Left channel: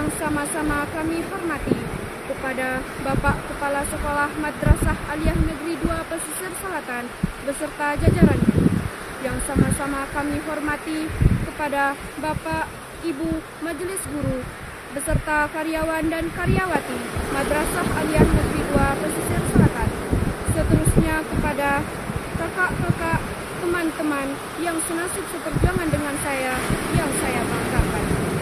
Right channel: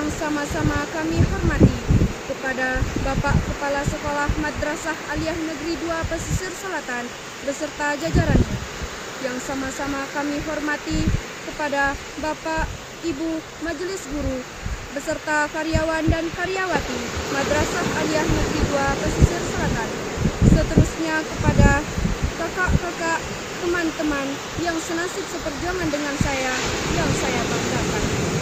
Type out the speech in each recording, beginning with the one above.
yang sama-sama kami hormati, kepada Bapak Kepala Sekolah Madrasah Aliyah Negeri 2 Pesisir Selatan beserta jajarannya, yang sama-sama kami hormati kepada Bapak Ibu Majelis Guru beserta karyawan dan karyawati Madrasah Aliyah Negeri 2 Pesisir Selatan, seterusnya kepada kakak-kakak, teman-teman yang senasib seperjuangan dengan saya yang saya banggakan.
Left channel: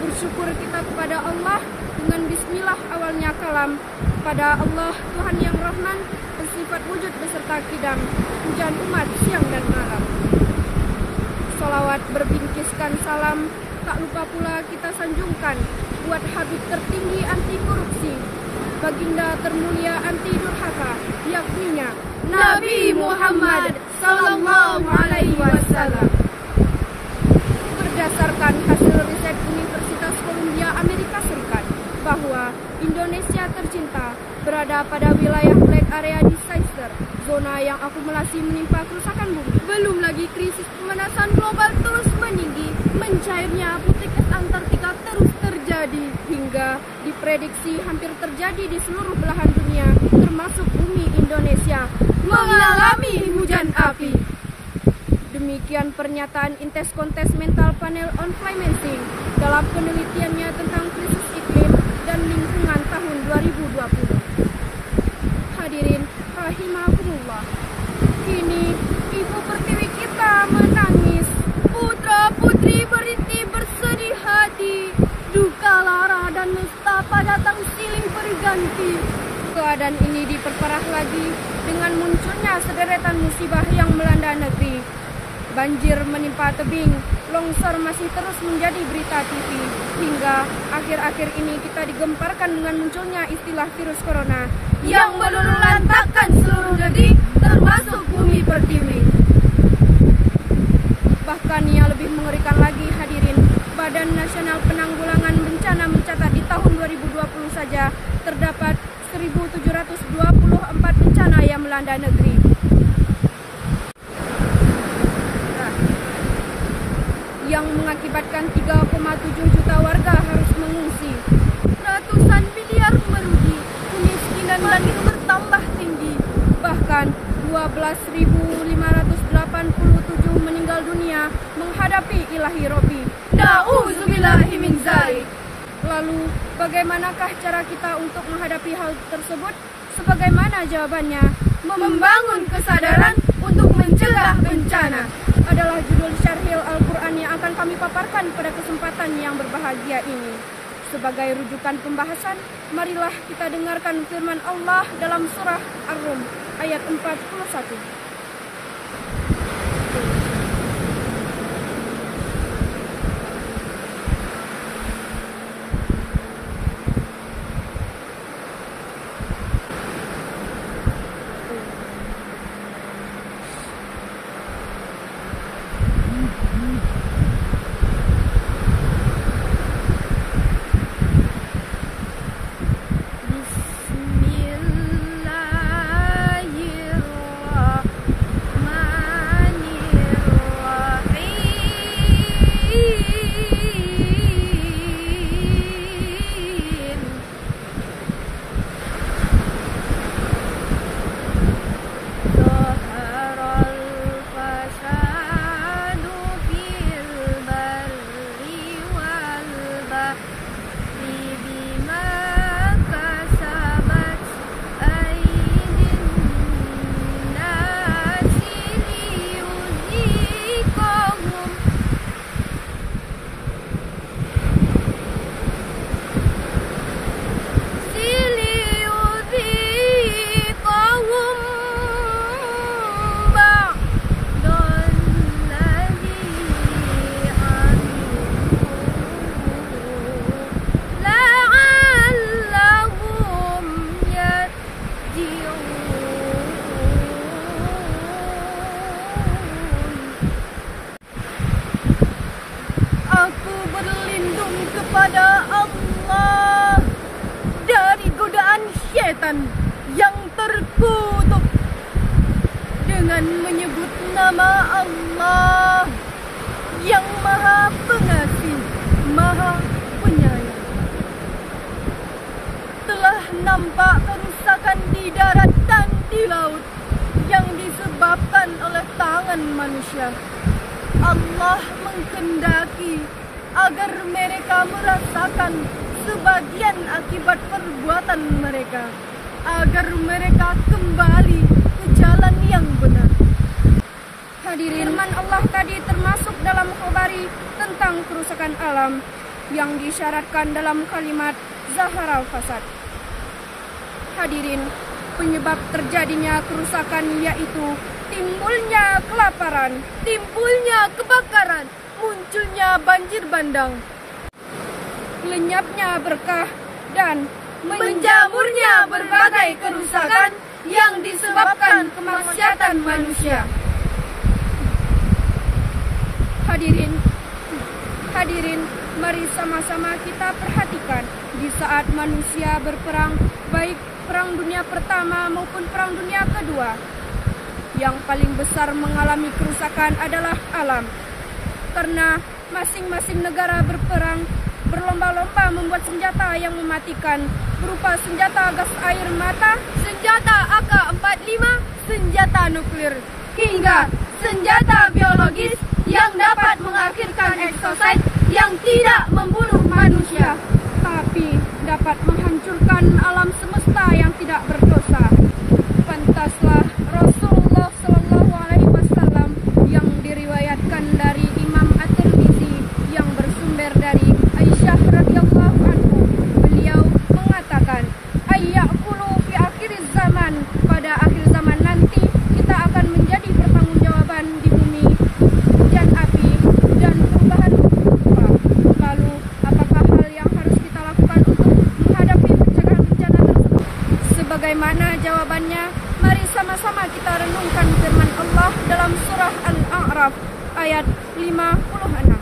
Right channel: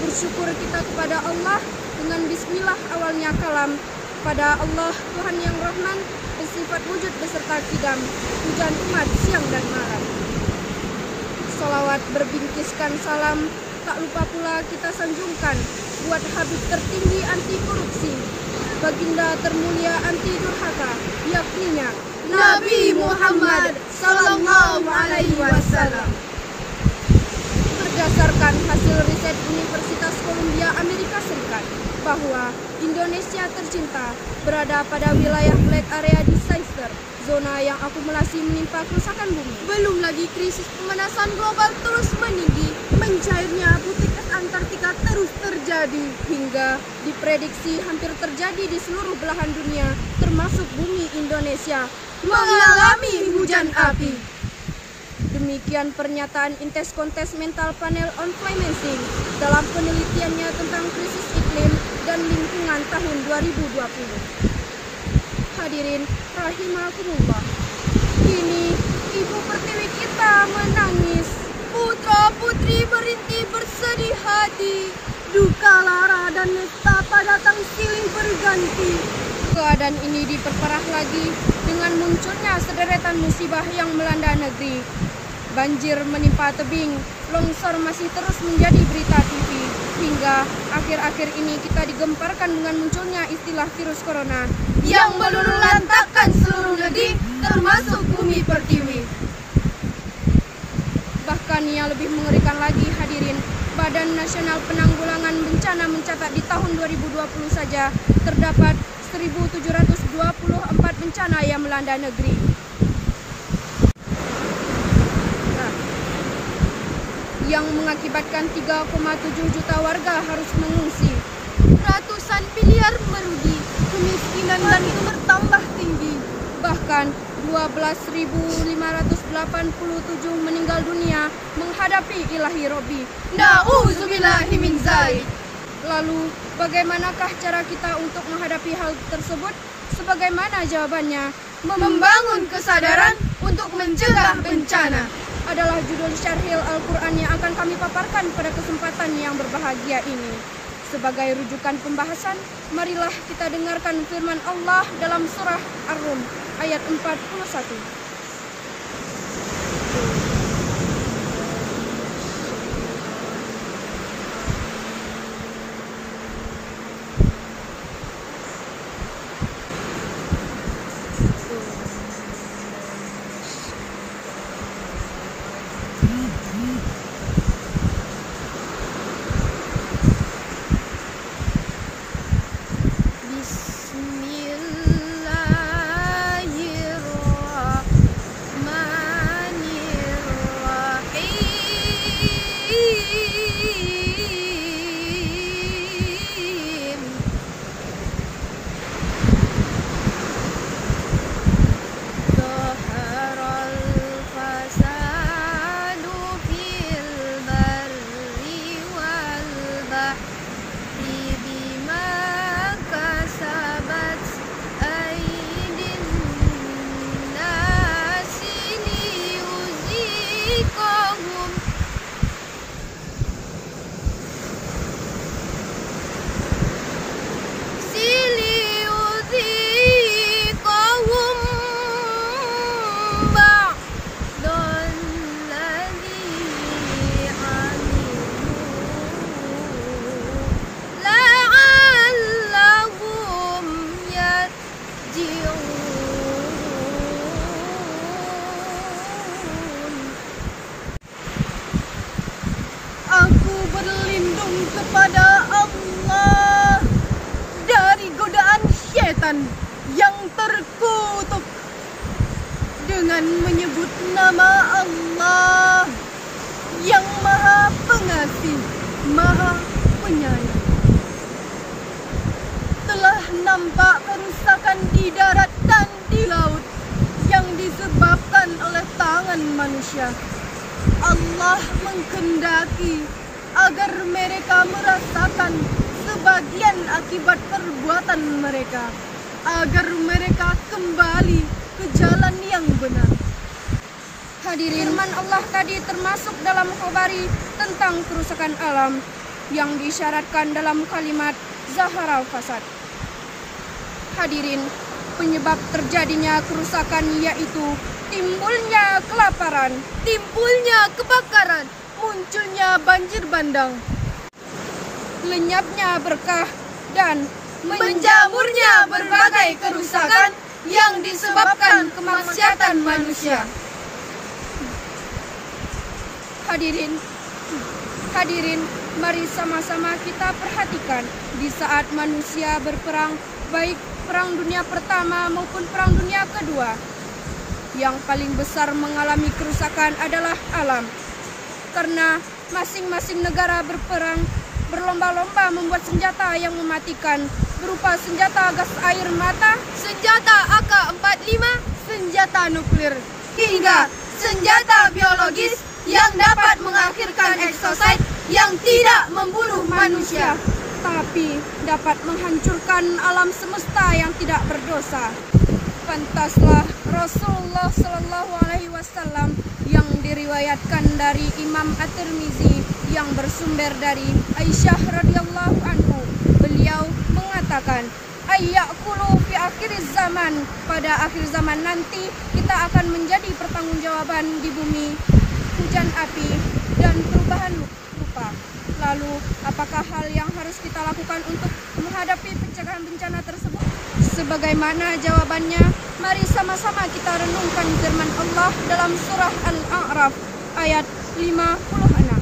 Bersyukur kita kepada Allah dengan bismillah awalnya kalam, kepada Allah Tuhan yang Rahman, bersifat wujud beserta kidam, hujan umat siang dan malam. Salawat berbingkiskan salam, tak lupa pula kita sanjungkan buat Habib tertinggi anti korupsi, baginda termulia anti durhaka, yakninya Nabi Muhammad Sallallahu Alaihi Wasallam. Berdasarkan hasil riset Universitas Columbia Amerika Serikat bahwa Indonesia tercinta berada pada wilayah Black Area Disaster, zona yang akumulasi menimpa kerusakan bumi. Belum lagi krisis pemanasan global terus meninggi, mencairnya butik es Antartika terus terjadi, hingga diprediksi hampir terjadi di seluruh belahan dunia, termasuk bumi Indonesia, mengalami hujan api. Demikian pernyataan Interkontes Mental Panel on Financing dalam penelitiannya tentang krisis iklim dan lingkungan tahun 2020. Hadirin rahimakumullah, kini Ibu Pertiwi kita menangis, putra-putri merintih bersedih hati, duka lara dan nestapa datang silih berganti. Keadaan ini diperparah lagi dengan munculnya sederetan musibah yang melanda negeri. Banjir menimpa tebing, longsor masih terus menjadi berita TV, hingga akhir-akhir ini kita digemparkan dengan munculnya istilah virus corona yang meluluhlantakkan seluruh negeri, termasuk bumi Pertiwi. Bahkan yang lebih mengerikan lagi, hadirin, Badan Nasional Penanggulangan Bencana mencatat di tahun 2020 saja terdapat 1.724 bencana yang melanda negeri. Yang mengakibatkan 3,7 juta warga harus mengungsi. Ratusan miliar merugi, kemiskinan dan bertambah tinggi. Bahkan 12.587 meninggal dunia menghadapi ilahi Robi. Na'udzubillahi min dzalik. Lalu, bagaimanakah cara kita untuk menghadapi hal tersebut? Sebagaimana jawabannya? Membangun kesadaran untuk mencegah bencana adalah judul syarhil Al-Quran yang akan kami paparkan pada kesempatan yang berbahagia ini. Sebagai rujukan pembahasan, marilah kita dengarkan firman Allah dalam surah Ar-Rum ayat 41. kepada Allah dari godaan syaitan yang terkutuk dengan menyebut nama Allah yang Maha Pengasih, Maha penyayang. Telah nampak kerusakan di darat dan di laut yang disebabkan oleh tangan manusia. Allah menghendaki agar mereka merasakan sebagian akibat perbuatan mereka, agar mereka kembali ke jalan yang benar. Hadirin, firman Allah tadi termasuk dalam khobari tentang kerusakan alam yang diisyaratkan dalam kalimat Zaharal Fasad. Hadirin, penyebab terjadinya kerusakan yaitu timbulnya kelaparan, timbulnya kebakaran, munculnya banjir bandang, lenyapnya berkah, dan menjamurnya berbagai kerusakan yang disebabkan kemaksiatan manusia. Hadirin, mari sama-sama kita perhatikan di saat manusia berperang, baik Perang Dunia Pertama maupun Perang Dunia Kedua, yang paling besar mengalami kerusakan adalah alam. Karena masing-masing negara berperang berlomba-lomba membuat senjata yang mematikan, berupa senjata gas air mata, senjata AK-45, senjata nuklir, hingga senjata biologis yang dapat mengakhirkan eksosit yang tidak membunuh manusia, tapi dapat menghancurkan alam semesta yang tidak berdosa. Pantaslah Rasulullah Shallallahu Alaihi Wasallam yang diriwayatkan dari Imam At-Tirmizi yang bersumber dari Aisyah radhiyallahu anhu. Beliau mengatakan, ayyakulu fi akhir zaman, pada akhir zaman nanti kita akan menjadi pertanggungjawaban di bumi, hujan api dan perubahan rupa. Lalu apakah hal yang harus kita lakukan untuk menghadapi pencegahan bencana tersebut? Sebagaimana jawabannya, mari sama-sama kita renungkan firman Allah dalam surah Al-A'raf ayat 56.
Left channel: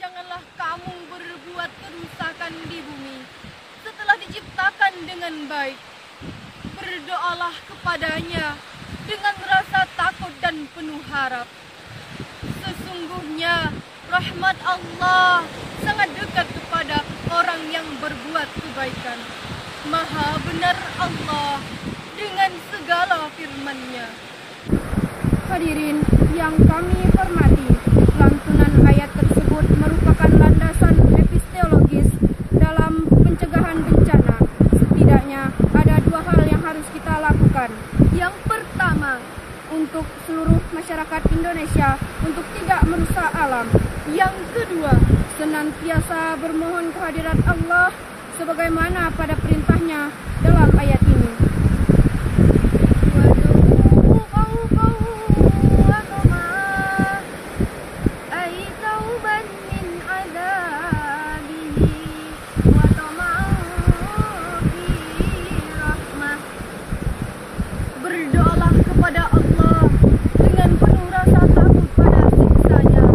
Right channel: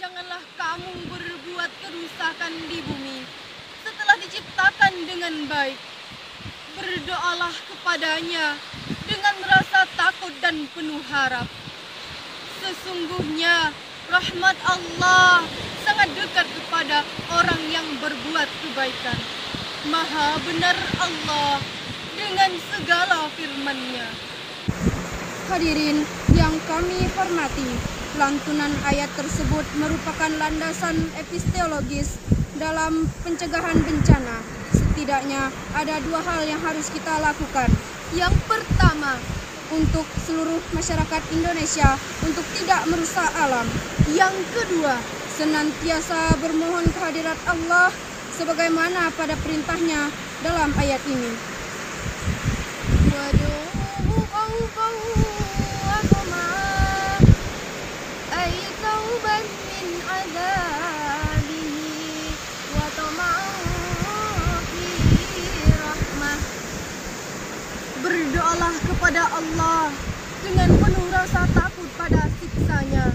Janganlah kamu berbuat kerusakan di bumi setelah diciptakan dengan baik. Berdoalah kepadanya dengan rasa takut dan penuh harap. Sesungguhnya rahmat Allah sangat dekat kepada orang yang berbuat kebaikan. Maha benar Allah dengan segala firman-Nya. Hadirin yang kami hormati, lantunan ayat tersebut merupakan landasan epistemologis dalam pencegahan bencana. Setidaknya ada dua hal yang harus kita lakukan. Yang pertama, untuk seluruh masyarakat Indonesia untuk tidak merusak alam. Yang kedua, senantiasa bermohon kehadirat Allah sebagaimana pada perintahnya dalam ayat ini. Berdoalah kepada Allah dengan penuh rasa takut pada siksanya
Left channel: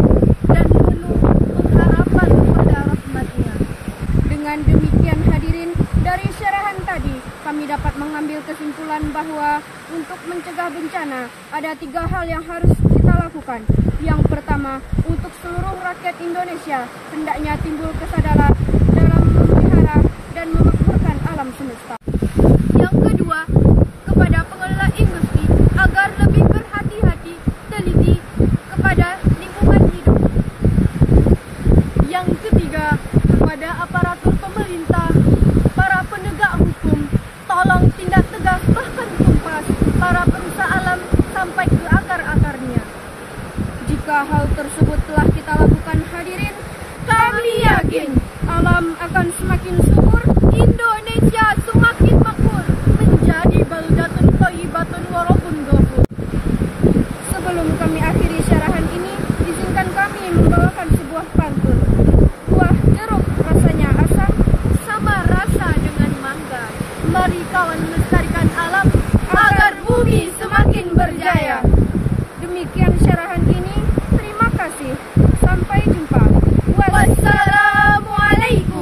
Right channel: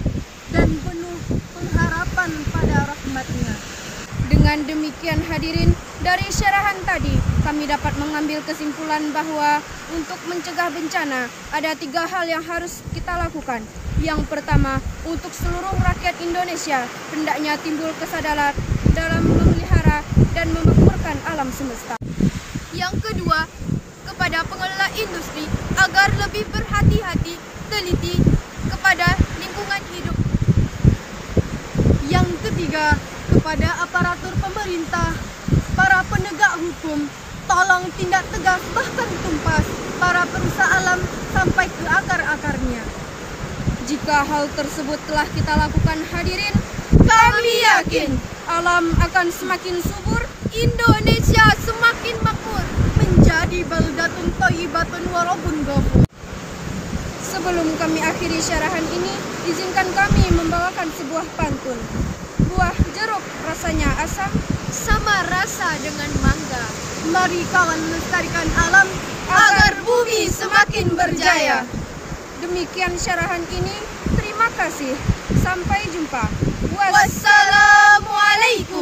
dan penuh pengharapan pada rahmat-Nya. Dengan demikian hadirin, dari syarahan tadi kami dapat mengambil kesimpulan bahwa untuk mencegah bencana ada 3 hal yang harus kita lakukan. Yang pertama, untuk seluruh rakyat Indonesia, hendaknya timbul kesadaran dalam memelihara dan memakmurkan alam semesta. Yang kedua, kepada pengelola industri agar lebih berhati-hati, teliti kepada lingkungan hidup. Yang ketiga, kepada aparatur pemerintah, para penegak hukum, tolong tindak tegas bahkan tuntas para perusak alam sampai ke akar-akarnya. Jika hal tersebut telah kita lakukan hadirin, kami yakin alam akan semakin subur, Indonesia semakin makmur, menjadi baldatun thayyibatun warabun ghafur. Sebelum kami akhiri syarahan ini, izinkan kami membawakan sebuah pantun. Buah jeruk rasanya asam, Sama rasa dengan mangga. Mari kawan melestarikan alam agar bumi semakin berjaya. Demikian syarahan ini, terima kasih. Sampai jumpa. Wassalamualaikum.